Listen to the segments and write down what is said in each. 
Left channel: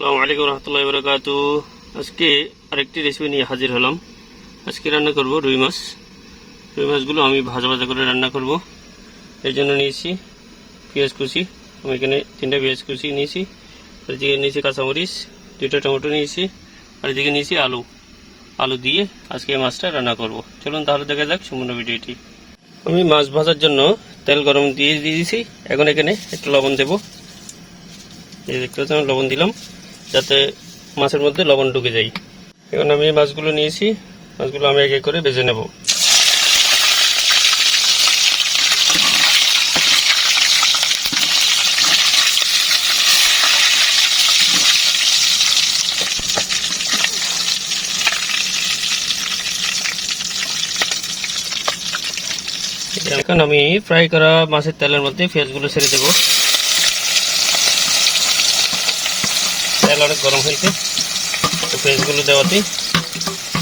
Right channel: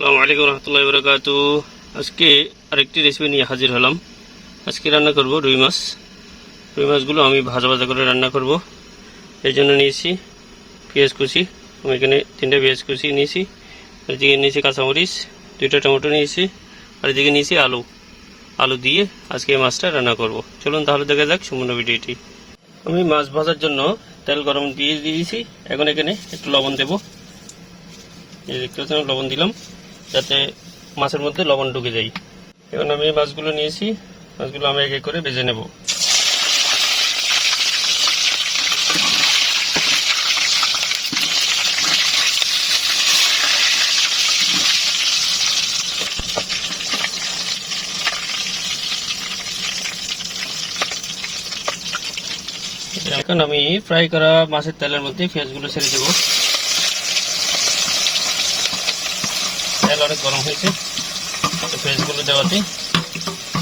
আসসালামু আলাইকুম রহমতুল্লাহি ওয়া বারাকাতুহু। আজকে আরেকটি রেসিপি নিয়ে হাজির হলাম। আজকে রান্না করব রুই মাছ। রুই মাছগুলো আমি ভাজা ভাজা করে রান্না করব। এর জন্য নিয়েছি পেঁয়াজ কুচি। আমি এখানে 3টা পেঁয়াজ কুচি নিয়েছি। আর এদিকে নিয়েছি কাঁচামরিচ, 2টা টমেটো নিয়েছি। আর এদিকে নিয়েছি আলু দিয়ে আজকে এই মাছটা রান্না করব। চলুন তাহলে দেখা যাক সম্পূর্ণ ভিডিওটি। আমি মাছ ভাজার জন্য তেল গরম দিয়ে দিয়েছি। এখন এখানে একটু লবণ দেব। এই দেখতে পাচ্ছেন লবণ দিলাম যাতে মাছের মধ্যে লবণ ঢুকে যায়। এখন আমি মাছগুলো নিয়েছি, মাছগুলো আমি এক এক করে ভেজে নেব। এখন আমি ফ্রাই করা মাছের তেলের মধ্যে পেঁয়াজগুলো ছেড়ে দেব। তেল অনেক গরম হয়েছে, পেঁয়াজগুলো দেওয়াতে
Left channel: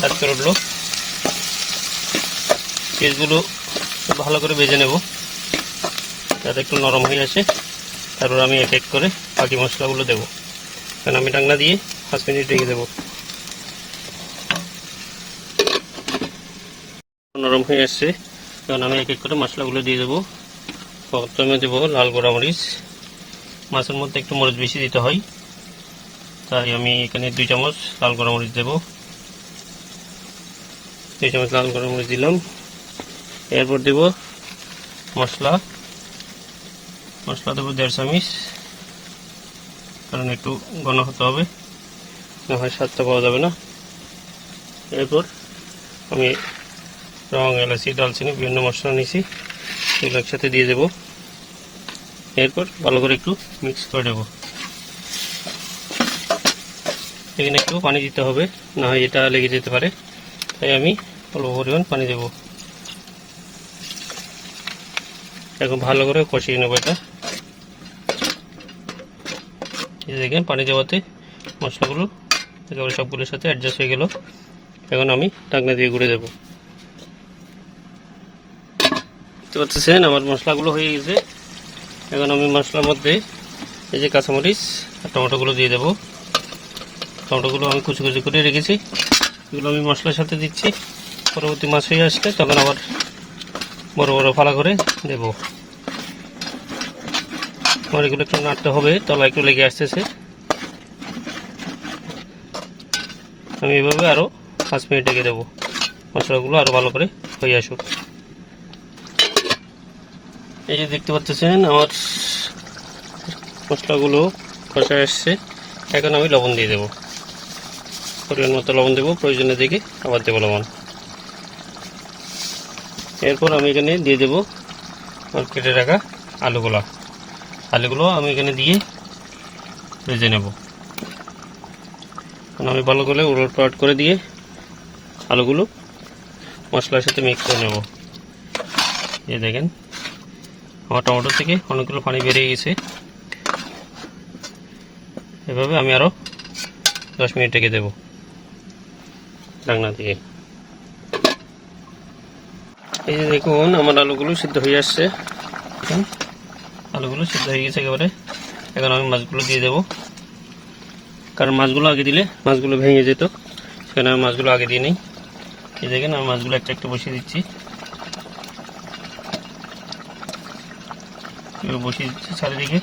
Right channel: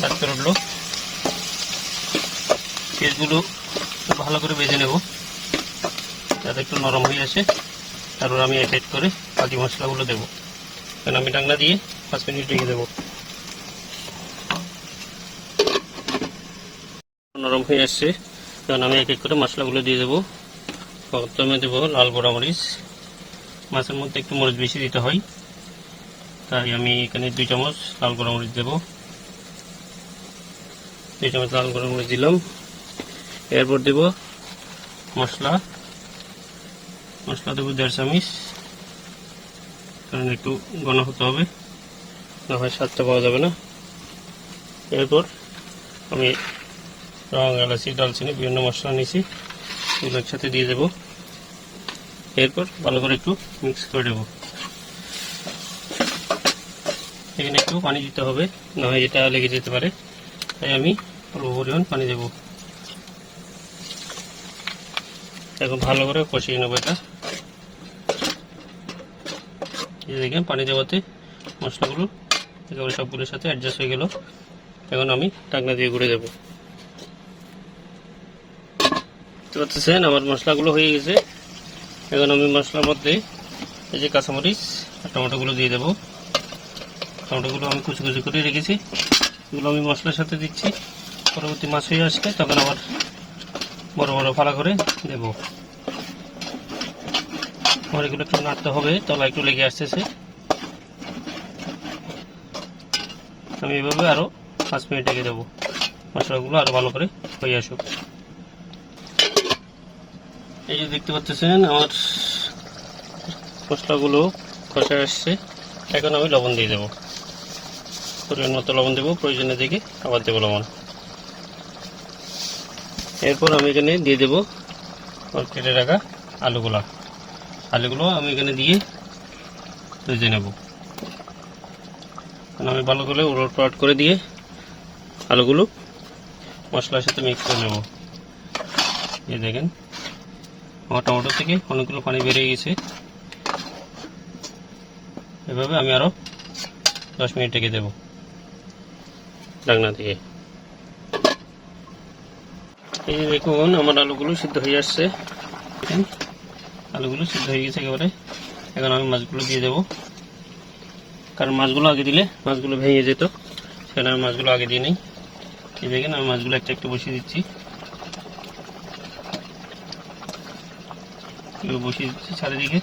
হাত করে উঠলো। পেঁয়াজগুলো ভালো করে ভেজে নেব যাতে একটু নরম হয়ে আসে। তারপরে আমি এক এক করে বাকি মশলাগুলো দেবো। কারণ আমি ঢাকনা দিয়ে 5 মিনিট রেখে দেবো। নরম হয়ে আসছে, কারণ আমি এক এক করে মশলাগুলো দিয়ে দেবো। প্রথমে দেবো লাল গোড়া মরিচ। মাছের মধ্যে একটু মরিচ বেশি দিতে হয়, তাই আমি এখানে 2 চামচ লাল গোড়া মরিচ দেবো। 2 চামচ লাল গোড়া মরিচ দিলাম। এরপর দেব মশলা দেবো 1.5 চামচ, কারণ একটু ঘন হতে হবে, না হয় স্বাদটা পাওয়া যাবে না। এরপর আমি লং, এলাচি, দালচিনি বিভিন্ন মশলা নিয়েছি, এগুলো একসাথে দিয়ে দেবো। এরপর ভালো করে একটু মিক্স করে দেবো। এখানে একটু পানি দিতে হবে, না হয় এটা লেগে যেতে পারে, তাই আমি অল্প পরিমাণ পানি দেবো। এখন ভালো করে কষিয়ে নেবো এটা। দেখেন পানি দেওয়াতে মশলাগুলো একেবারে সবগুলোর সাথে অ্যাডজাস্ট হয়ে গেল। এখন আমি ঢাকনা দিয়ে ঘুরে দেবো। দেখতে পাচ্ছেন আমার মশলাগুলো হয়ে গেছে। এখন আমি মশলার মধ্যে এই যে কাঁচামরিচ আর টমেটোগুলো দিয়ে দেবো। টমেটোগুলো আমি কুচি কুচি করে রেখেছি, এগুলো আমি মশলার সাথে দিচ্ছি। পরবর্তী মাছ হয়ে আসলে তখন আবার বড় বড় ফালা করে দেবো। আমার এগুলো একটু নাড়তে হবে, তলা একটু লেগে আসতেছে। আমি এইভাবে আরও 5 মিনিট রেখে দেবো, মশলাগুলো আরও ভালো করে হয়ে আসুক। এই যে দেখতে পাচ্ছেন আমার মশলাগুলো কষায় আসছে। এখন আমি লবণ দিয়ে দেবো, পরিমাণ মতো লবণ দেবো, প্রয়োজনে দেখে আবার দেবো লবণ। এরপর আমি এখানে দিয়ে দেবো কেটে রাখা আলুগুলো আমি এখানে দিয়ে ভেজে নেব। আমি ভালো করে উলটপালট করে দিয়ে আলুগুলো মশলার সাথে মিক্স করে নেব। এই দেখেন আমার টমেটো থেকে অনেকগুলো পানি বেরিয়ে গেছে। এভাবে আমি আরও 10 মিনিট রেখে দেবো ঢাকনা দিয়ে। এই যে দেখুন আমার আলুগুলো সিদ্ধ হয়ে আসছে, আলুগুলো সিদ্ধ হয়ে গেছে একেবারে। এখন আমি মাছগুলো দিয়ে দেবো, কারণ মাছগুলো আগে দিলে মাছগুলো ভেঙে যেত, সেখানে আমি মাছগুলো আগে দিয়ে নেই। এই দেখেন আমি মাছগুলো একটা একটু বসিয়ে দিচ্ছি, চারিদিকে।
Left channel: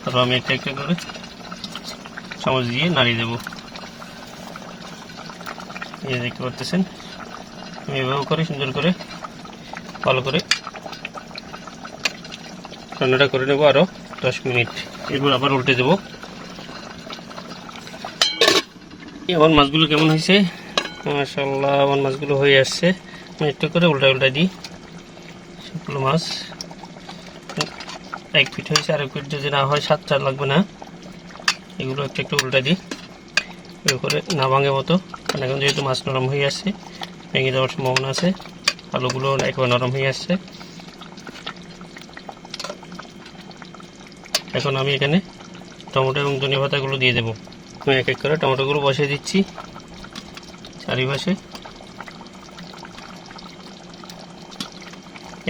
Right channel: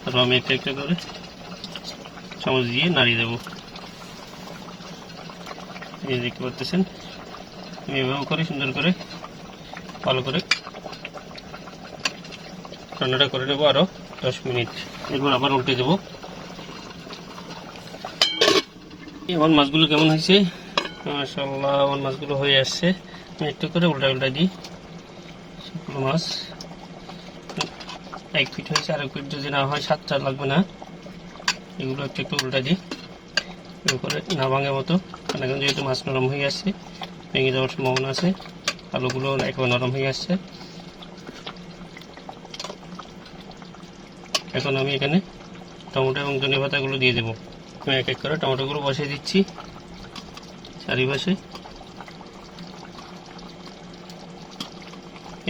তারপর আমি একটা একটা করে চামচ দিয়ে নাড়িয়ে দেবো। এই দেখতে পাচ্ছেন আমি এভাবে করে সুন্দর করে ভালো করে রান্নাটা করে নেবো আরও 10 মিনিট। এরপর আবার উল্টে দেবো। আমার মাছগুলো কেমন হয়েছে? মাশাআল্লাহ আমার মাছগুলো হয়ে আসছে। আমি একটু করে উল্টা দিই। সবগুলো মাছ 1 ফিট হয়েছে, আর 1 ফিট যদি না হয় স্বাদটা লাগবে না। এগুলো একটু উল্টা দিই, এগুলো করে না ভাঙে মতো, কারণ এখন যেহেতু মাছ নরম হয়ে আসছে ভেঙে যাওয়ার সম্ভাবনা আছে। আলুগুলো একেবারে নরম হয়ে আসছে। এখন আমি এখানে টমেটো এবং ধনিয়া পাতাগুলো দিয়ে দেবো। আমি এক এক করে টমেটোগুলো বসিয়ে দিচ্ছি চারিপাশে।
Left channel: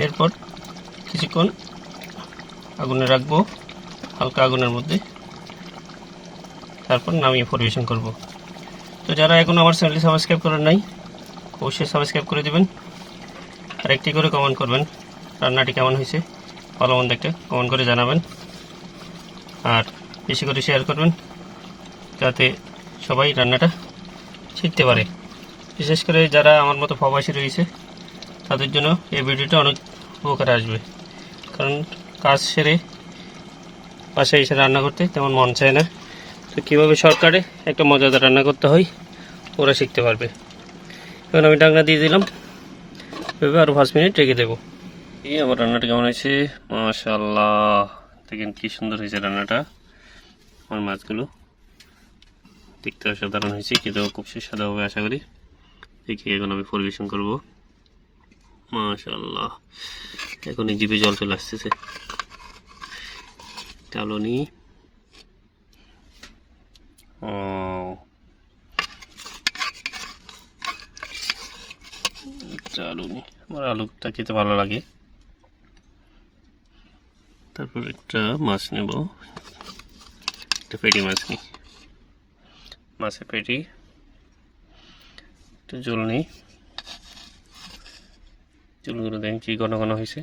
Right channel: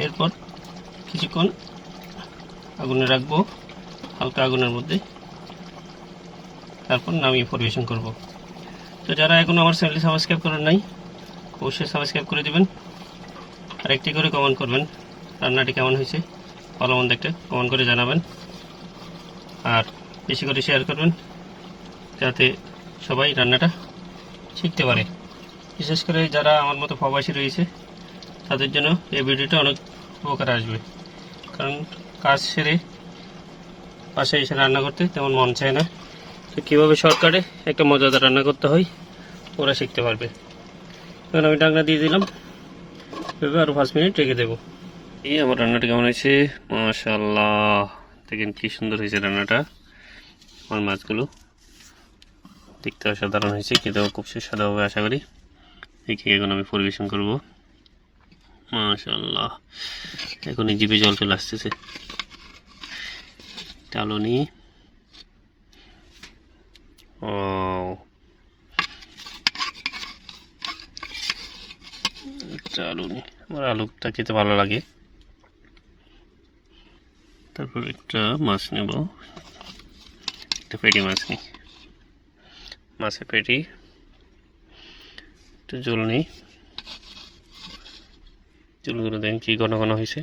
এরপর কিছুক্ষণ আগুনে রাখবো, হালকা আগুনের মধ্যে। তারপর নামিয়ে পরিবেশন করব। তো যারা এখন আমার চ্যানেলটি সাবস্ক্রাইব করেন নাই অবশ্যই সাবস্ক্রাইব করে দেবেন, আর একটি করে কমেন্ট করবেন রান্নাটি কেমন হয়েছে, ভালো মন্দ একটা কমেন্ট করে জানাবেন, আর বেশি করে শেয়ার করবেন যাতে সবাই রান্নাটা শিখতে পারে। বিশেষ করে যারা আমার মতো প্রবাসী রয়েছে তাদের জন্য এই ভিডিওটা অনেক উপকার আসবে, কারণ কাজ সেরে বাসায় এসে রান্না করতে তেমন মন চায় না। তো কীভাবে শর্টকাটে একটা মজাদার রান্না করতে হয় ওরা শিখতে পারবে। এখন আমি ঢাকনা দিয়ে দিলাম, এভাবে আরও 5 মিনিট রেখে দেবো। এই আমার রান্নাটা কেমন হয়েছে, মাশাআল্লাহ, দেখেন কি সুন্দর হয়েছে রান্নাটা। আমার মাছগুলো দেখতে অসাধারণ হয়েছে, খেতেও খুব সুস্বাদু হবে আশা করি। দেখি এখন আমি পরিবেশন করব। মাশাআল্লাহ, এখন জিভে জল চলে আসতেছে। চালনি, ও চালনি, আমার আলুটা খেতে ভালো লাগে। তারপর একটা মাছ নেব, একটা পেটি মাছ নিই, মাছের পেটি, একটু জল নিই। চুলগুলো দেখেন কি ঘন ঘন হয়েছে,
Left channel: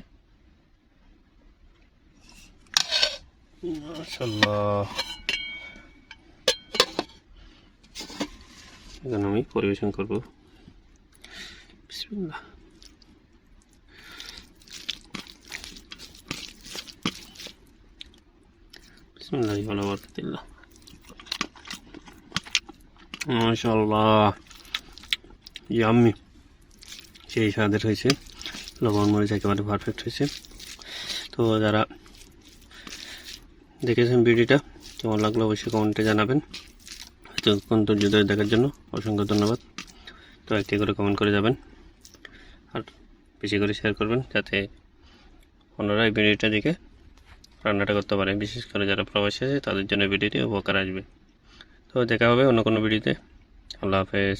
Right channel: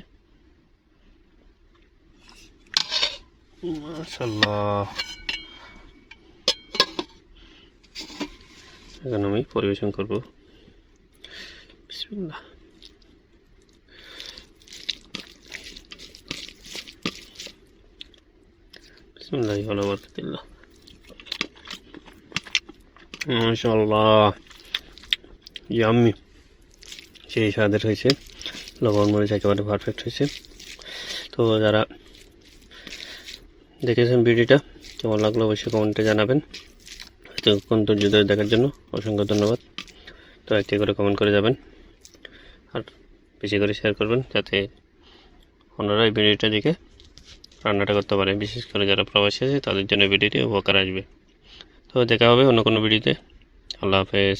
মাশাআল্লাহ। এখন আমি পরিবেশন করব। বিসমিল্লাহ। বিসমিল্লাহি ওয়া বারাকাতুল্লাহ। মাশাআল্লাহ, ইয়াম্মি, সেই স্বাদের হয়েছে। লবণ মরিচ একেবারে পারফেক্ট হয়েছে। তো যারা দেখেছেন ভিডিওটা কেমন লাগলো অবশ্যই কমেন্টে জানাবেন। এতক্ষণ ধৈর্য ধরে দেখার জন্য অসংখ্য ধন্যবাদ। তো একটি করে কমেন্ট করে যাবেন, আর বেশি করে শেয়ার করবেন যাতে অন্যরা এই ভিডিওটা দেখে রান্নাটা করতে পারে। বিশেষ করে যারা প্রবাসী আছে তাদের জন্য ভিডিওটি উপকার আসবে। তো দেখা হবে অন্য কোনো ভিডিওতে। আল্লাহ হাফেজ।